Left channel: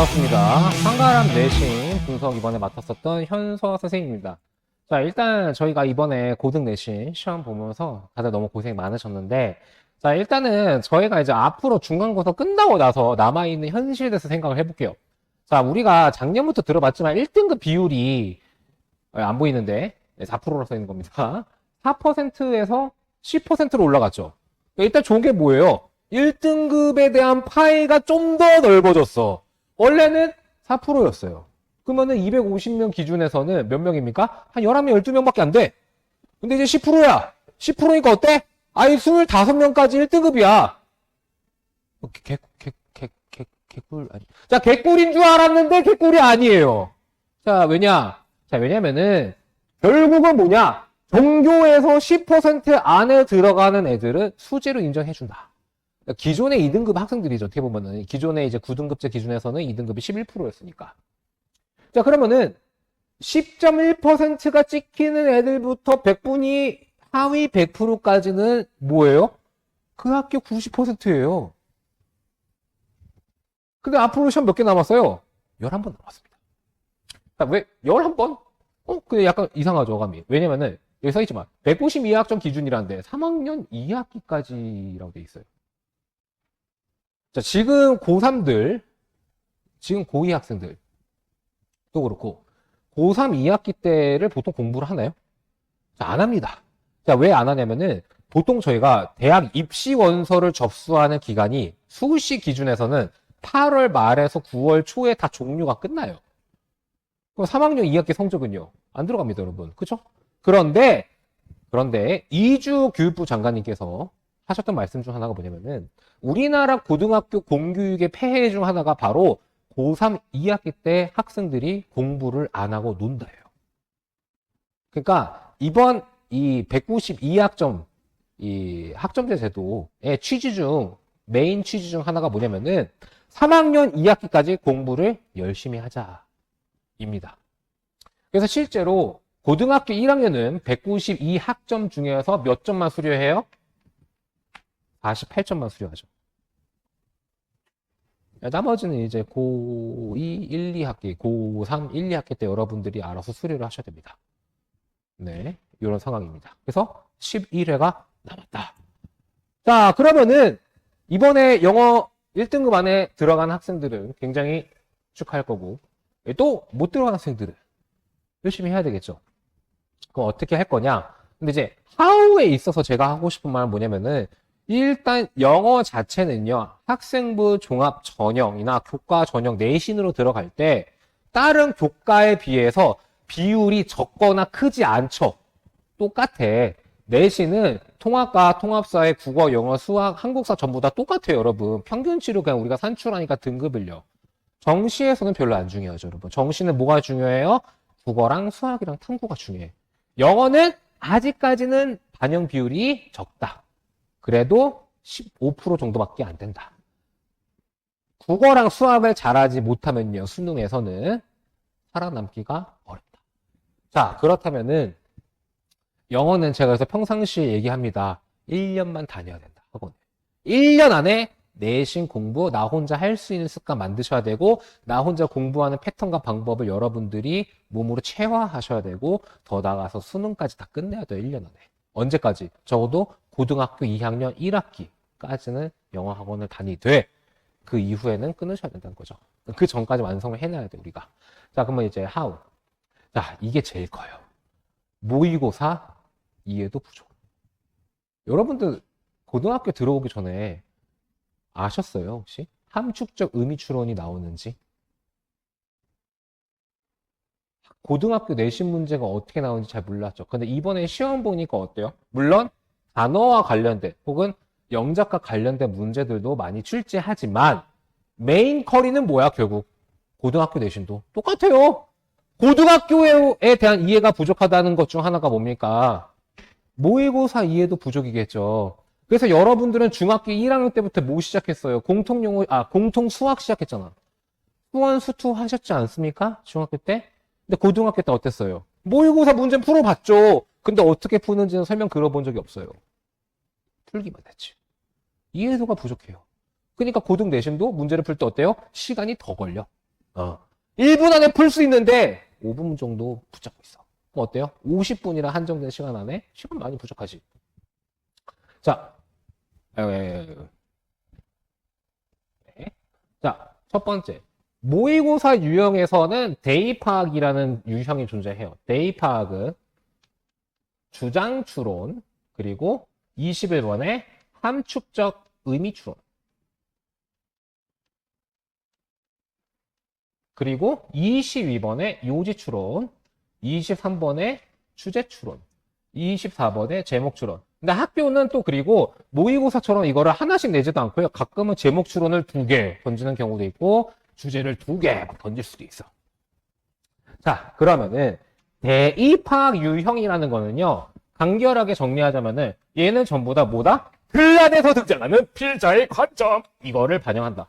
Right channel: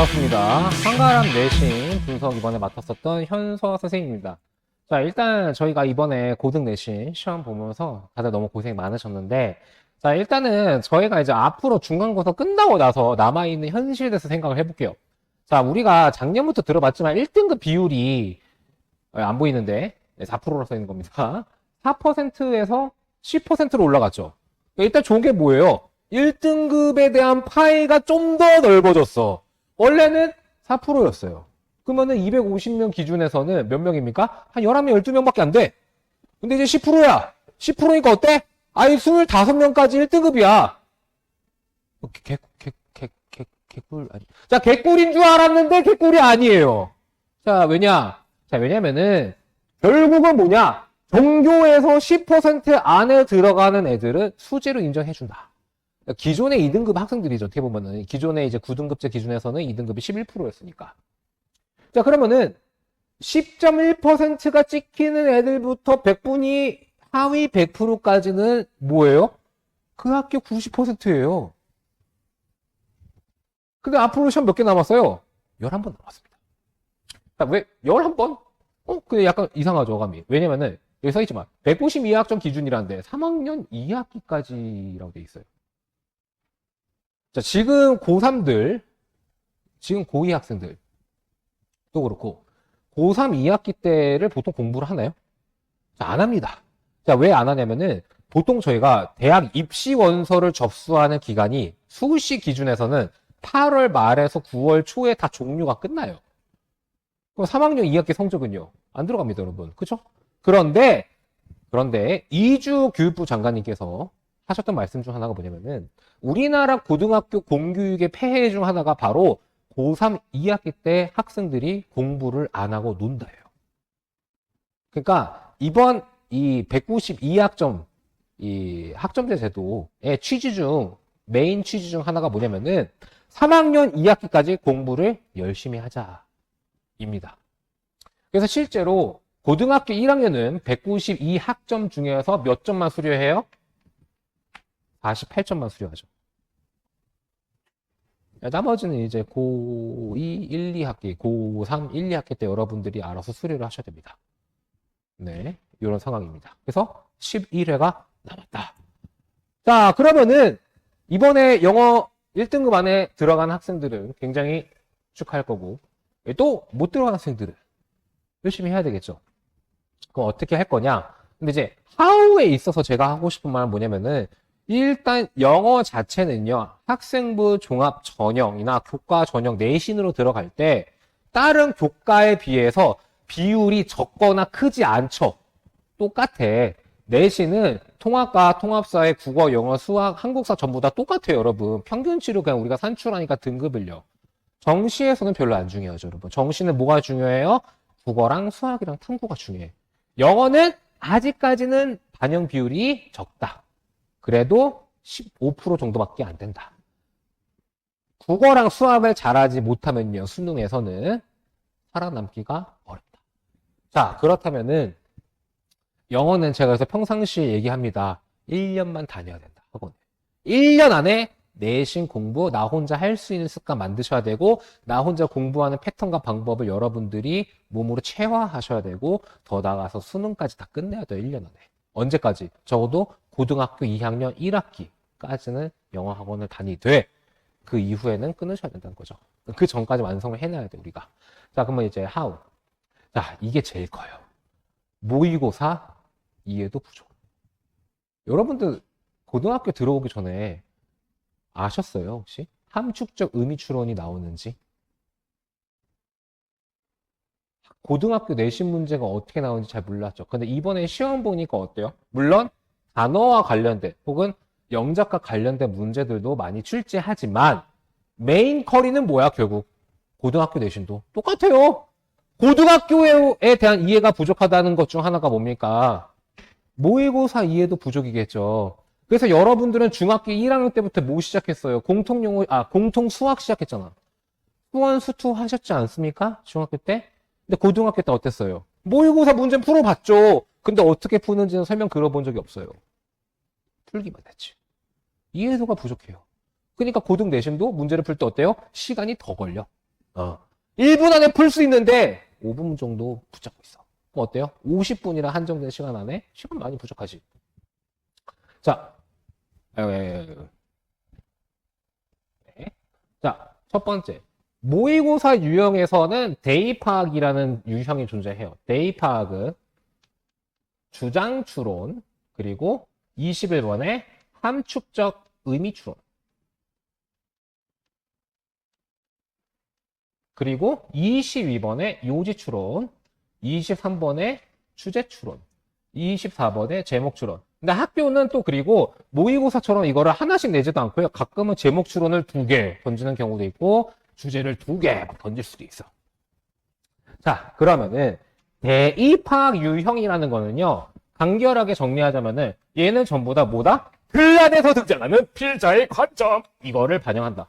반갑습니다. 한가람 내신 분석 이번에 맡았었던 현서 선생님입니다. 자, 일단 저희가 이번에 고등 내신 시험 보면서 다들 너무 고생 많으셨는데, 자, 일단은 저희가 이제 앞으로 중간고사 끝나고 나서 남아있는 현실에 대해서 생각을 해볼게요. 자, 우리가 작년부터 들어봤지만 1등급 비율이 안 보이는데 4%로 써 있는 겁니다. 4%에서 10%로 올라갔죠. 일단 좋은 게 뭐예요? 1등급에 대한 파이가 좀 더 넓어졌어. 원래는 4%였어요. 그러면은 250명 기준에서는 몇 명입니까? 한 11명, 12명밖에 안 돼. 근데 이제 10%야. 10%니까 어때? 아니, 25명까지 1등급이야. 개꿀, 아니. 자, 개꿀인 줄 알았는데 개꿀이 아니에요. 자, 왜냐면은, 결국은 뭐냐? 전교에서 10% 안에 들어가는 애들은 수재로 인정해준다. 그러니까 기존의 2등급 학생들이죠. 어떻게 보면은. 기존의 이제 9등급제 기준에서는 2등급이 11%였으니까. 자, 그러면은, 10.1%가 찍히는 애들부터 100분위 하위 100%까지는 뭐예요? 그 학교 90%예요. 근데 앞으로 시험 몇 개 남았어요? 11번 남았습니다. 자, 왜 11번? 그게 약간 이상하죠, 감이. 왜냐면은 여기 써있지만 192학점 기준이라는데 3학년 2학기까지라고 돼 있어요. 자, 지금 고3들, 지금 고2 학생들 또 그렇고 고3 2학기 때를 보통 공부를 하나요? 자, 안 합니다. 자, 왜 안 하냐면은 보통 저희가 대학 입시 원서를 접수하는 기간이 수시 기준에서는 8월 말에서 9월 초에 다 종료가 끝나요. 그럼 3학년 2학기 성적은요? 안 들어갑니다, 여러분. 그쵸? 그런데 이주 교육부 장관님께서 하셨던 말씀 중 하나가 뭐냐면은 우리나라 고등학교 공교육의 폐해 중 하나가 바로 고3 2학기 때 학생들이 공부를 안 하고 논다예요. 그러니까 이번 이 192학점 이 학점제 제도의 메인 취지 중 하나가 뭐냐면은 3학년 2학기까지 공부를 열심히 하자입니다. 그래서 실제로 고등학교 1학년은 192학점 중에서 몇 점만 수료해요? 48점만 수료하죠. 나머지는 이제 고2, 1, 2학기, 고3, 1, 2학기 때 여러분들이 알아서 수료를 하셔야 됩니다. 네, 이런 상황입니다. 그래서 11회가 남았다. 자, 그러면은 이번에 영어 1등급 안에 들어간 학생들은 굉장히 축하할 거고 또 못 들어간 학생들은 열심히 해야 되겠죠. 그럼 어떻게 할 거냐? 근데 이제 how에 있어서 제가 하고 싶은 말은 뭐냐면은 일단 영어 자체는요. 학생부 종합 전형이나 교과 전형 내신으로 들어갈 때 다른 교과에 비해서 비율이 적거나 크지 않죠. 똑같아. 내신은 통합과 통합사회, 국어, 영어, 수학, 한국사 전부 다 똑같아요, 여러분. 평균치로 그냥 우리가 산출하니까 등급을요. 정시에서는 별로 안 중요하죠, 여러분. 정시는 뭐가 중요해요? 국어랑 수학이랑 탐구가 중요해. 영어는 아직까지는 반영 비율이 적다. 그래도 15% 정도밖에 안 된다. 국어랑 수학을 잘하지 못하면요, 수능에서는 살아남기가 어렵다. 자, 그렇다면은 영어는 제가 그래서 평상시에 얘기합니다. 1년만 다녀야 된다. 학원. 1년 안에 내신 공부 나 혼자 할 수 있는 습관 만드셔야 되고 나 혼자 공부하는 패턴과 방법을 여러분들이 몸으로 체화하셔야 되고 더 나아가서 수능까지 다 끝내야 돼요. 1년 안에. 언제까지? 적어도 고등학교 2학년 1학기까지는 영어 학원을 다니되 그 이후에는 끊으셔야 된다는 거죠. 그 전까지 완성을 해놔야 돼 우리가. 자, 그러면 이제 how. 자, 이게 제일 커요. 모의고사 이해도 부족. 여러분들 고등학교 들어오기 전에 아셨어요, 혹시? 함축적 의미 추론이 나오는지? 고등학교 내신 문제가 어떻게 나오는지 잘 몰랐죠. 근데 이번에 시험 보니까 어때요? 물론 단어와 관련된 혹은 영작과 관련된 문제들도 많이 출제하지만 메인 커리는 뭐야, 결국? 고등학교 내신도 똑같아요. 고등학교에 대한 이해가 부족하다는 것 중 하나가 뭡니까? 모의고사 이해도 부족이겠죠. 그래서 여러분들은 중학교 1학년 때부터 뭐 시작했어요? 공통 수학 시작했잖아. 수원, 수투 하셨지 않습니까? 중학교 때? 근데 고등학교 때 어땠어요? 모의고사 문제 풀어봤죠. 근데 어떻게 푸는지는 설명 들어본 적이 없어요. 풀기만 했지. 이해도가 부족해요. 그러니까 고등 내신도 문제를 풀 때 어때요? 시간이 더 걸려. 1분 안에 풀 수 있는데 5분 정도 붙잡고 있어. 그럼 어때요? 50분이나 한정된 시간 안에 시간 많이 부족하지. 자, 자, 첫 번째. 모의고사 유형에서는 데이 파악이라는 유형이 존재해요. 데이 파악은 주장 추론, 그리고 20회 전에 함축적 의미 추론. 그리고 22번에 요지 추론, 23번에 주제 추론, 24번에 제목 추론. 근데 학교는 또 그리고 모의고사처럼 이거를 하나씩 내지도 않고요. 가끔은 제목 추론을 2개 던지는 경우도 있고 주제를 2개 던질 수도 있어. 자, 그러면은 대입학 유형이라는 거는요. 간결하게 정리하자면은 얘는 전부 다 뭐다? 글 안에서 등장하는 필자의 관점. 이거를 반영한다.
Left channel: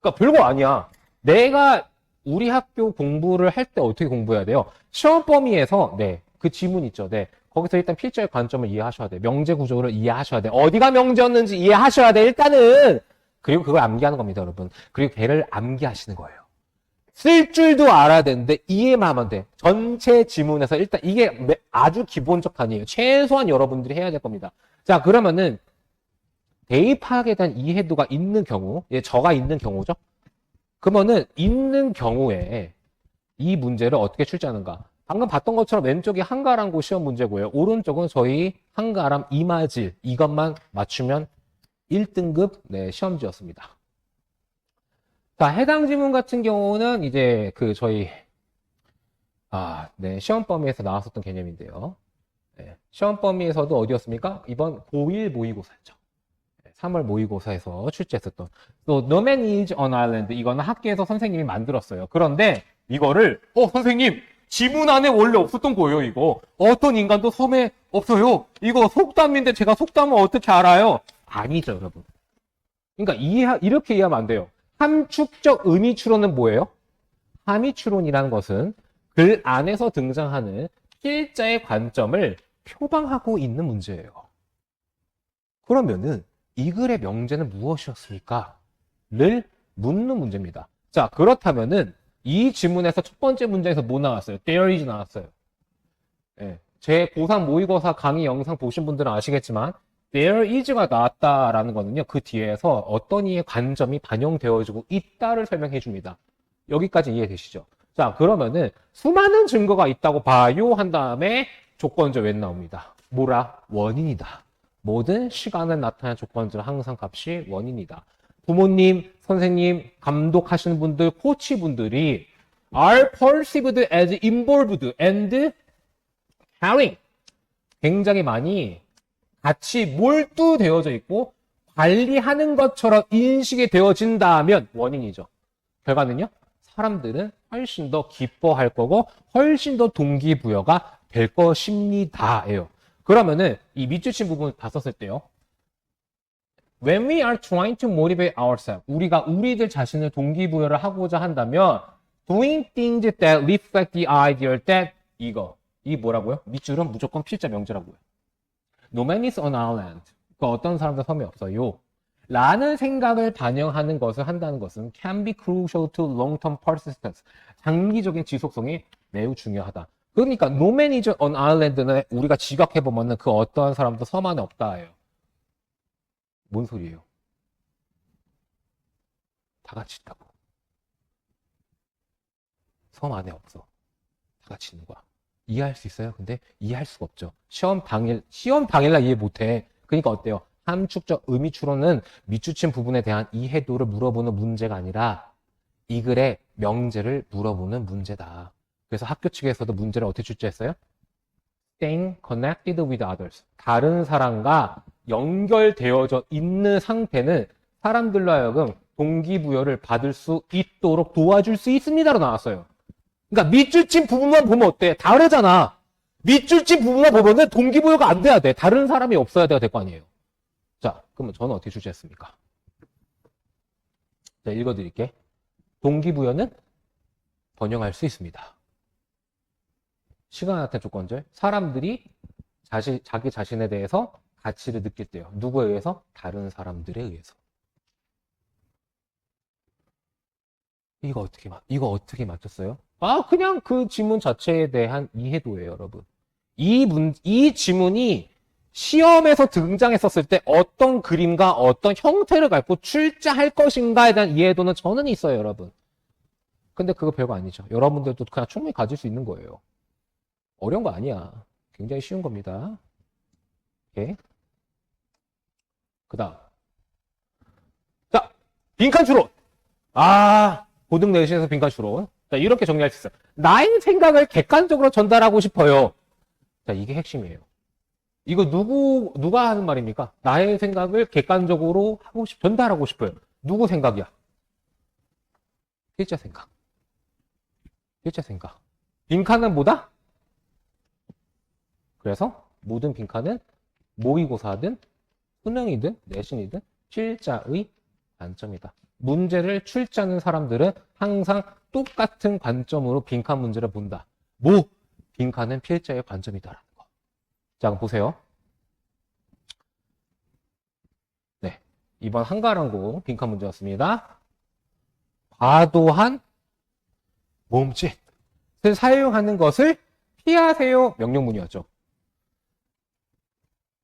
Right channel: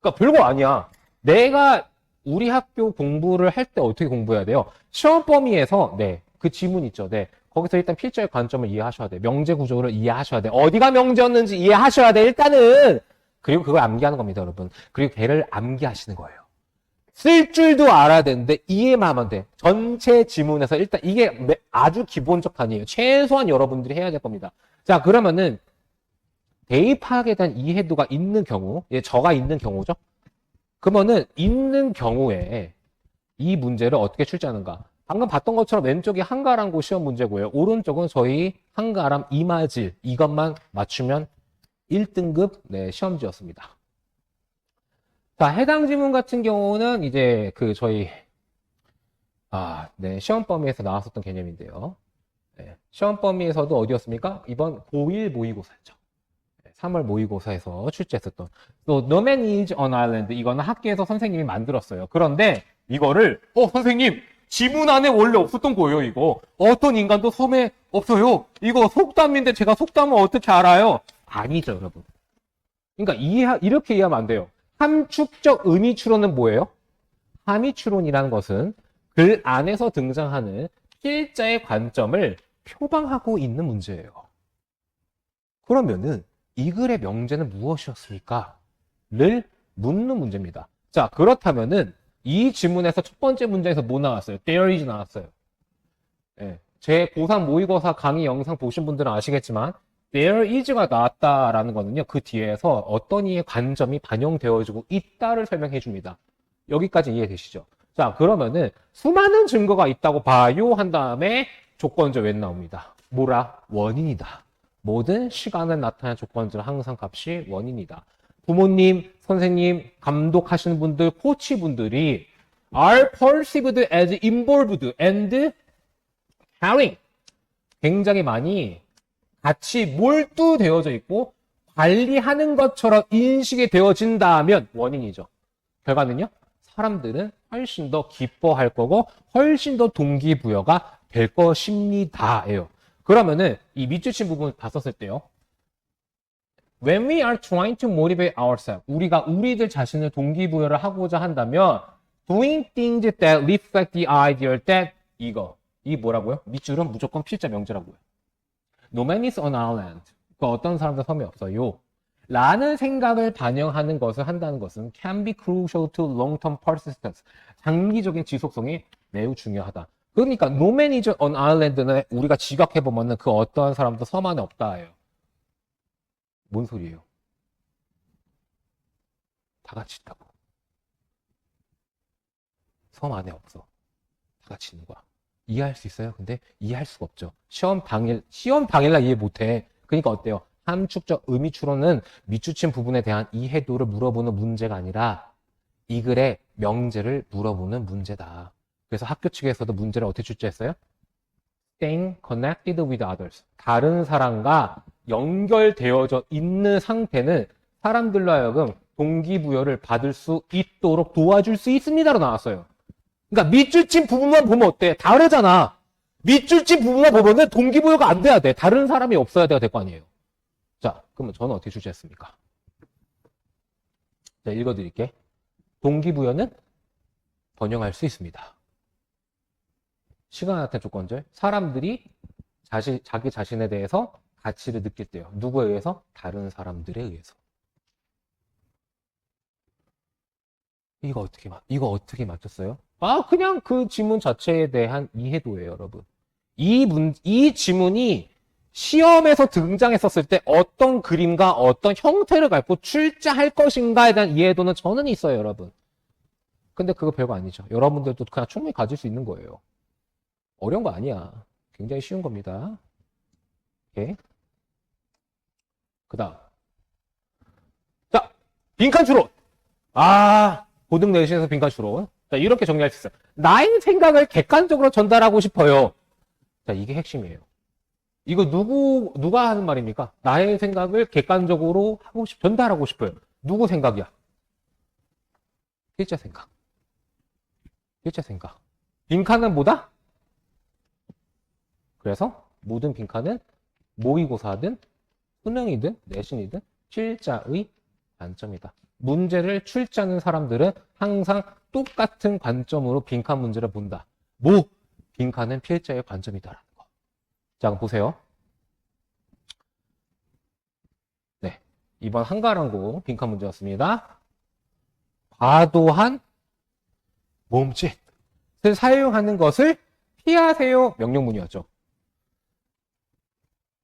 그러니까 별거 아니야. 내가 우리 학교 공부를 할 때 어떻게 공부해야 돼요? 시험 범위에서 그 지문 있죠. 거기서 일단 필자의 관점을 이해하셔야 돼. 명제 구조를 이해하셔야 돼. 어디가 명제였는지 이해하셔야 돼. 일단은. 그리고 그걸 암기하는 겁니다, 여러분. 그리고 걔를 암기하시는 거예요. 쓸 줄도 알아야 되는데 이해만 하면 돼. 전체 지문에서 일단 이게 아주 기본적 단위예요. 최소한 여러분들이 해야 될 겁니다. 자, 그러면은 예의 파악에 대한 이해도가 있는 경우, 저가 있는 경우죠. 그러면은 있는 경우에 이 문제를 어떻게 출제하는가? 방금 봤던 것처럼 왼쪽이 한가람고 시험 문제고요. 오른쪽은 저희 한가람 이마질 이것만 맞추면 1등급 시험지였습니다. 자, 해당 지문 같은 경우는 이제 저희 시험 범위에서 나왔었던 개념인데요. 시험 범위에서도 어디였습니까? 이번 고1 모의고사였죠. 3월 모의고사에서 출제했었던 또 No Man is on Island 이거는 학교에서 선생님이 만들었어요. 그런데 이거를 선생님 지문 안에 원래 없었던 거예요. 이거 어떤 인간도 섬에 없어요. 이거 속담인데 제가 속담을 어떻게 알아요? 아니죠, 여러분. 그러니까 이렇게 이해하면 안 돼요. 함축적 의미 추론은 뭐예요? 함의 추론이라는 것은 글 안에서 등장하는 필자의 관점을 표방하고 있는 문제예요. 그러면은 이 글의 명제는 무엇이었을까? 를 묻는 문제입니다. 자, 그렇다면은 이 지문에서 첫 번째 문제에서 뭐 나왔어요? There is 나왔어요. 제 고3 모의고사 강의 영상 보신 분들은 아시겠지만 There is가 나왔다라는 거는요. 그 뒤에서 어떤 이의 관점이 반영되어지고 있다를 설명해 줍니다. 여기까지 이해되시죠? 자, 그러면은 수많은 증거가 있다고 봐요 한 다음에 조건절 왜 나옵니다. 뭐라? 원인이다. 모든 시간을 나타낸 조건절은 항상 값이 원인이다. 부모님, 선생님, 감독하시는 분들, 코치분들이 are perceived as involved and caring. 굉장히 많이 같이 몰두되어져 있고 관리하는 것처럼 인식이 되어진다면 원인이죠. 결과는요? 사람들은 훨씬 더 기뻐할 거고 훨씬 더 동기부여가 될 것입니다예요. 그러면은 이 밑줄친 부분을 봤었을 때요. When we are trying to motivate ourselves, 우리가 우리들 자신을 동기부여를 하고자 한다면 doing things that reflect the idea that 이 뭐라고요? 밑줄은 무조건 필자 명제라고요. No man is on island. 그 어떤 사람도 섬에 없어요. 라는 생각을 반영하는 것을 한다는 것은 can be crucial to long-term persistence. 장기적인 지속성이 매우 중요하다. 그러니까 no man is on island는 우리가 지각해보면 그 어떠한 사람도 섬 안에 없다예요. 뭔 소리예요? 다 같이 있다고. 섬 안에 없어. 다 같이 있는 거야. 이해할 수 있어요? 근데 이해할 수가 없죠. 시험 당일날 이해 못해. 그러니까 어때요? 함축적 의미 추론은 밑줄친 부분에 대한 이해도를 물어보는 문제가 아니라 이 글의 명제를 물어보는 문제다. 그래서 학교 측에서도 문제를 어떻게 출제했어요? Staying connected with others. 다른 사람과 연결되어져 있는 상태는 사람들로 하여금 동기부여를 받을 수 있도록 도와줄 수 있습니다로 나왔어요. 그러니까 밑줄친 부분만 보면 어때? 다르잖아. 밑줄친 부분만 보면은 동기부여가 안 돼야 돼. 다른 사람이 없어야 될 거 아니에요. 자, 그러면 저는 어떻게 출제했습니까? 자, 읽어드릴게. 동기부여는 번영할 수 있습니다. 시간 나타낸 조건절. 사람들이 자기 자신에 대해서 가치를 느낄 때요. 누구에 의해서? 다른 사람들에 의해서. 이거 어떻게 맞췄어요? 그냥 그 지문 자체에 대한 이해도예요, 여러분. 이 지문이 시험에서 등장했었을 때 어떤 그림과 어떤 형태를 갖고 출제할 것인가에 대한 이해도는 저는 있어요, 여러분. 근데 그거 별거 아니죠. 여러분들도 그냥 충분히 가질 수 있는 거예요. 어려운 거 아니야. 굉장히 쉬운 겁니다. 오케이. 그 다음. 자, 빈칸 추론. 고등 내신에서 빈칸 추론. 자, 이렇게 정리할 수 있어요. 나의 생각을 객관적으로 전달하고 싶어요. 자, 이게 핵심이에요. 이거 누가 하는 말입니까? 나의 생각을 객관적으로 전달하고 싶어요. 누구 생각이야? 필자 생각. 필자 생각. 빈칸은 뭐다? 그래서 모든 빈칸은 모의고사든 수능이든 내신이든 필자의 관점이다. 문제를 출제하는 사람들은 항상 똑같은 관점으로 빈칸 문제를 본다. 빈칸은 필자의 관점이다라는 거. 자, 보세요. 네, 이번 한가랑고 빈칸 문제였습니다. 과도한 몸짓을 사용하는 것을 피하세요. 명령문이었죠.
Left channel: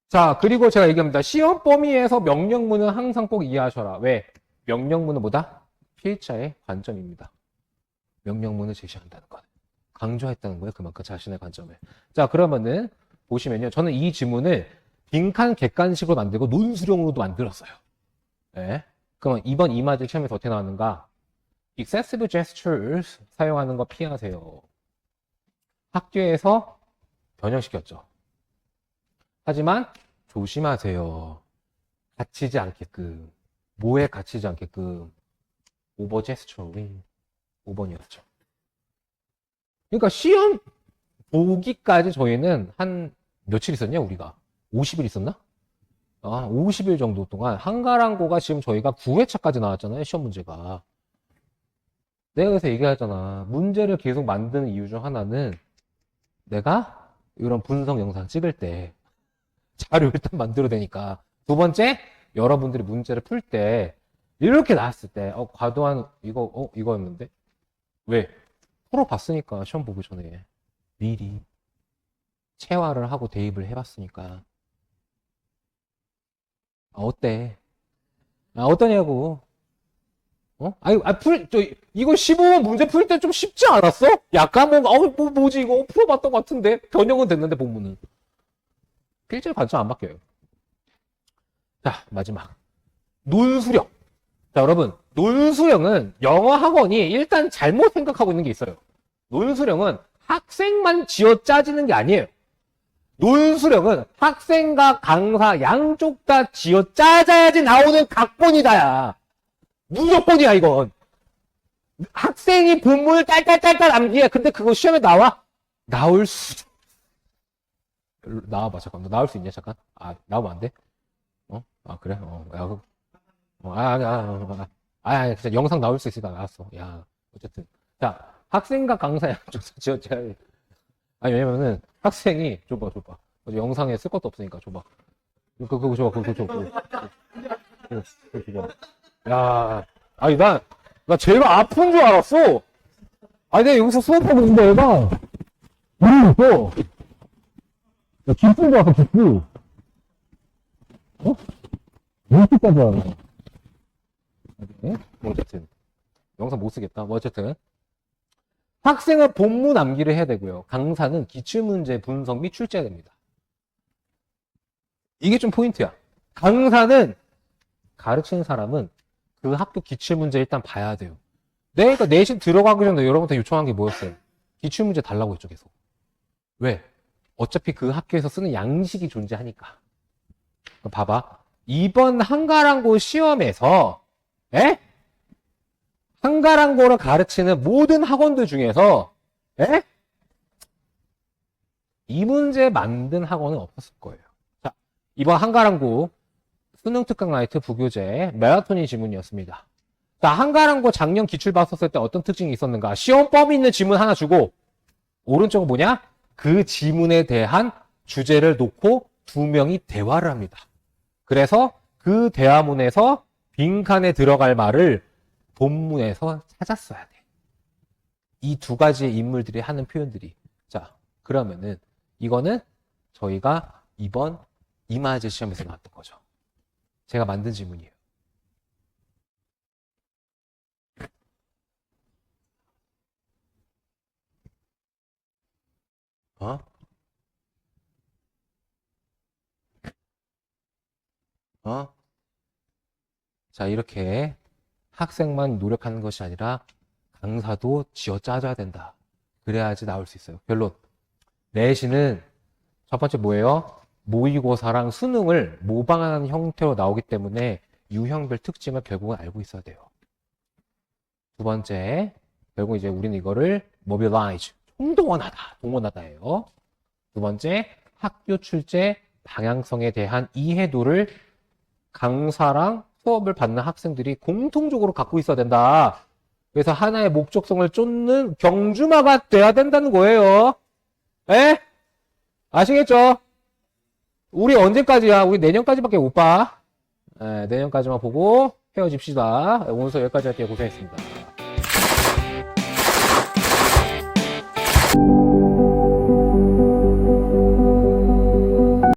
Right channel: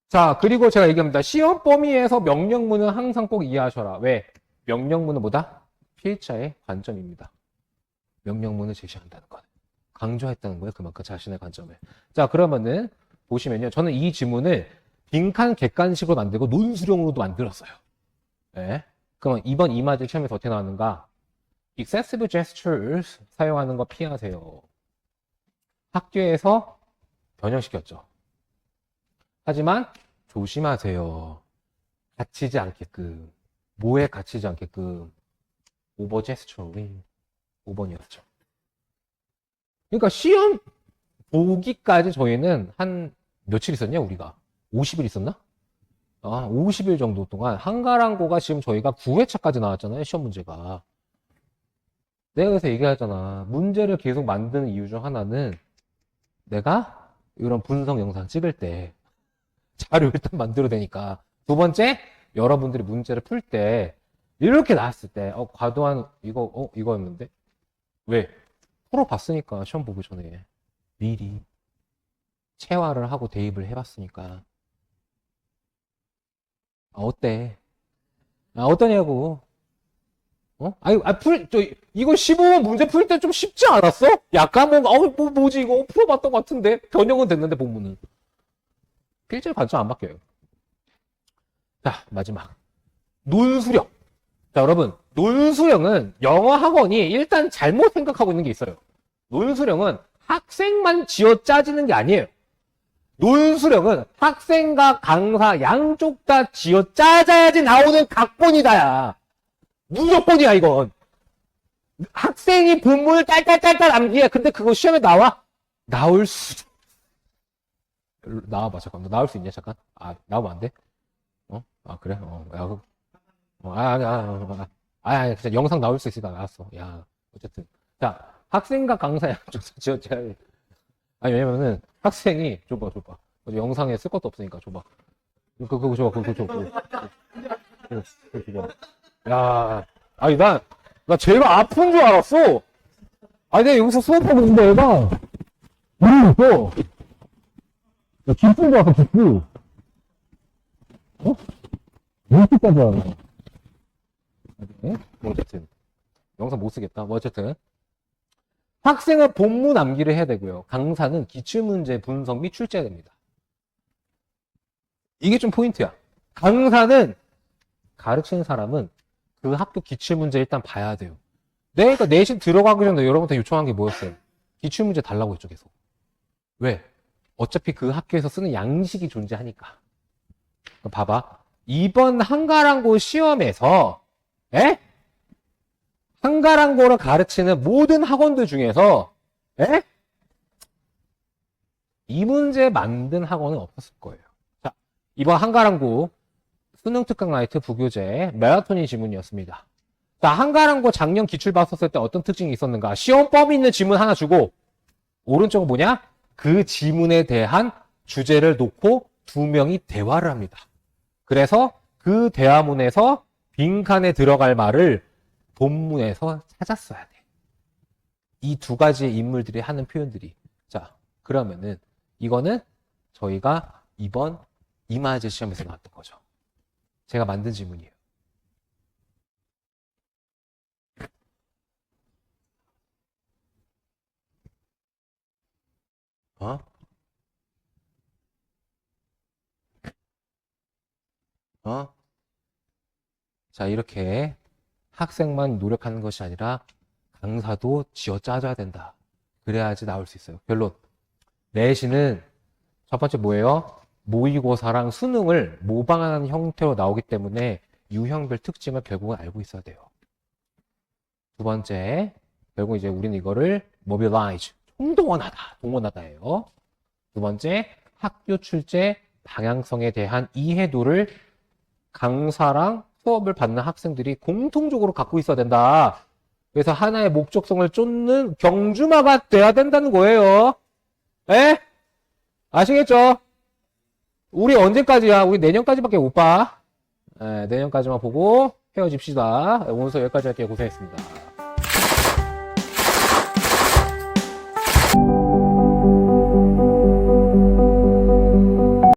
자, 그리고 제가 얘기합니다. 시험 범위에서 명령문은 항상 꼭 이해하셔라. 왜? 명령문은 뭐다? 필자의 관점입니다. 명령문을 제시한다는 것. 강조했다는 거예요. 그만큼 자신의 관점을. 자, 그러면은 보시면요. 저는 이 지문을 빈칸 객관식으로 만들고 논술형으로도 만들었어요. 네. 그럼 이번 이마트 시험에서 어떻게 나왔는가? excessive gestures 사용하는 거 피하세요. 학교에서 변형시켰죠. 하지만 조심하세요. 갇히지 않게끔. 뭐에 갇히지 않게끔. 오버 제스처링. 5번이었죠. 그러니까 시험 보기까지 저희는 한 며칠 있었냐 우리가? 50일 있었나? 50일 정도 동안 한가랑고가 지금 저희가 9회차까지 나왔잖아요. 시험 문제가. 내가 그래서 얘기하잖아. 문제를 계속 만드는 이유 중 하나는 내가 이런 분석 영상 찍을 때 자료 일단 만들어내니까. 두 번째, 여러분들이 문제를 풀 때 이렇게 나왔을 때 과도한 이거였는데? 왜? 풀어봤으니까 시험 보기 전에 미리 체화를 하고 대입을 해봤으니까. 어때? 어떠냐고. 이거 15번 문제 풀 때 좀 쉽지 않았어? 약간은, 뭐지, 이거 풀어봤던 것 같은데? 변형은 됐는데, 본문은. 필지를 관점 안 바뀌어요. 자, 마지막. 논수령. 자, 여러분. 논수령은 영어 학원이 일단 잘못 생각하고 있는 게 있어요. 논수령은 학생만 쥐어 짜지는 게 아니에요. 논수령은 학생과 강사 양쪽 다 쥐어 짜자야지 나오는 각본이다야. 무조건이야, 이건. 학생이 본문을 딸딸딸딸 암기해. 근데 그거 시험에 나와? 나와봐, 잠깐. 너 나올 수 있냐, 잠깐? 나오면 안 돼? 그래? 진짜 영상 나올 수 있으니까 나왔어. 야, 어쨌든. 야, 학생과 강사 양쪽 지어줘야 돼. 왜냐면은, 학생이, 줘봐. 영상에 쓸 것도 없으니까, 줘봐. 그거 줘. 야, 나 제가 아픈 줄 알았어. 내가 여기서 수업하고 있는데, 얘가. 야, 김풍 와서 김풍. 이렇게까지 하네. 어쨌든. 영상 못 쓰겠다. 어쨌든. 학생은 본문 암기를 해야 되고요. 강사는 기출문제 분석 및 출제해야 됩니다. 이게 좀 포인트야. 강사는 가르치는 사람은 그 학교 기출문제 일단 봐야 돼요. 내가 내신 들어가기 전에 여러분한테 요청한 게 뭐였어요? 기출문제 달라고 했죠, 계속. 왜? 어차피 그 학교에서 쓰는 양식이 존재하니까. 봐봐. 이번 한가랑고 시험에서 한가랑고를 가르치는 모든 학원들 중에서 이 문제 만든 학원은 없었을 거예요. 자, 이번 한가랑고 수능 특강 라이트 부교재 마라톤이 지문이었습니다. 자, 한가랑고 작년 기출 봤었을 때 어떤 특징이 있었는가? 시험 범위 있는 지문 하나 주고 오른쪽은 뭐냐? 그 지문에 대한 주제를 놓고 두 명이 대화를 합니다. 그래서 그 대화문에서 빈칸에 들어갈 말을 본문에서 찾았어야 돼. 이 두 가지의 인물들이 하는 표현들이. 자, 그러면은 이거는 저희가 이번 이마제 시험에서 나왔던 거죠. 제가 만든 질문이에요. 어? 어? 자, 이렇게 학생만 노력하는 것이 아니라 강사도 쥐어짜줘야 된다. 그래야지 나올 수 있어요. 결론. 내신은 첫 번째 뭐예요? 모의고사랑 수능을 모방하는 형태로 나오기 때문에 유형별 특징을 결국은 알고 있어야 돼요. 두 번째, 결국 이제 우리는 이거를 mobilize, 동원하다예요. 두 번째, 학교 출제 방향성에 대한 이해도를 강사랑 수업을 받는 학생들이 공통적으로 갖고 있어야 된다. 그래서 하나의 목적성을 쫓는 경주마가 돼야 된다는 거예요. 에? 아시겠죠? 우리 언제까지야? 우리 내년까지밖에 못 봐. 네, 내년까지만 보고 헤어집시다. 오늘 수업 여기까지 할게요. 고생했습니다.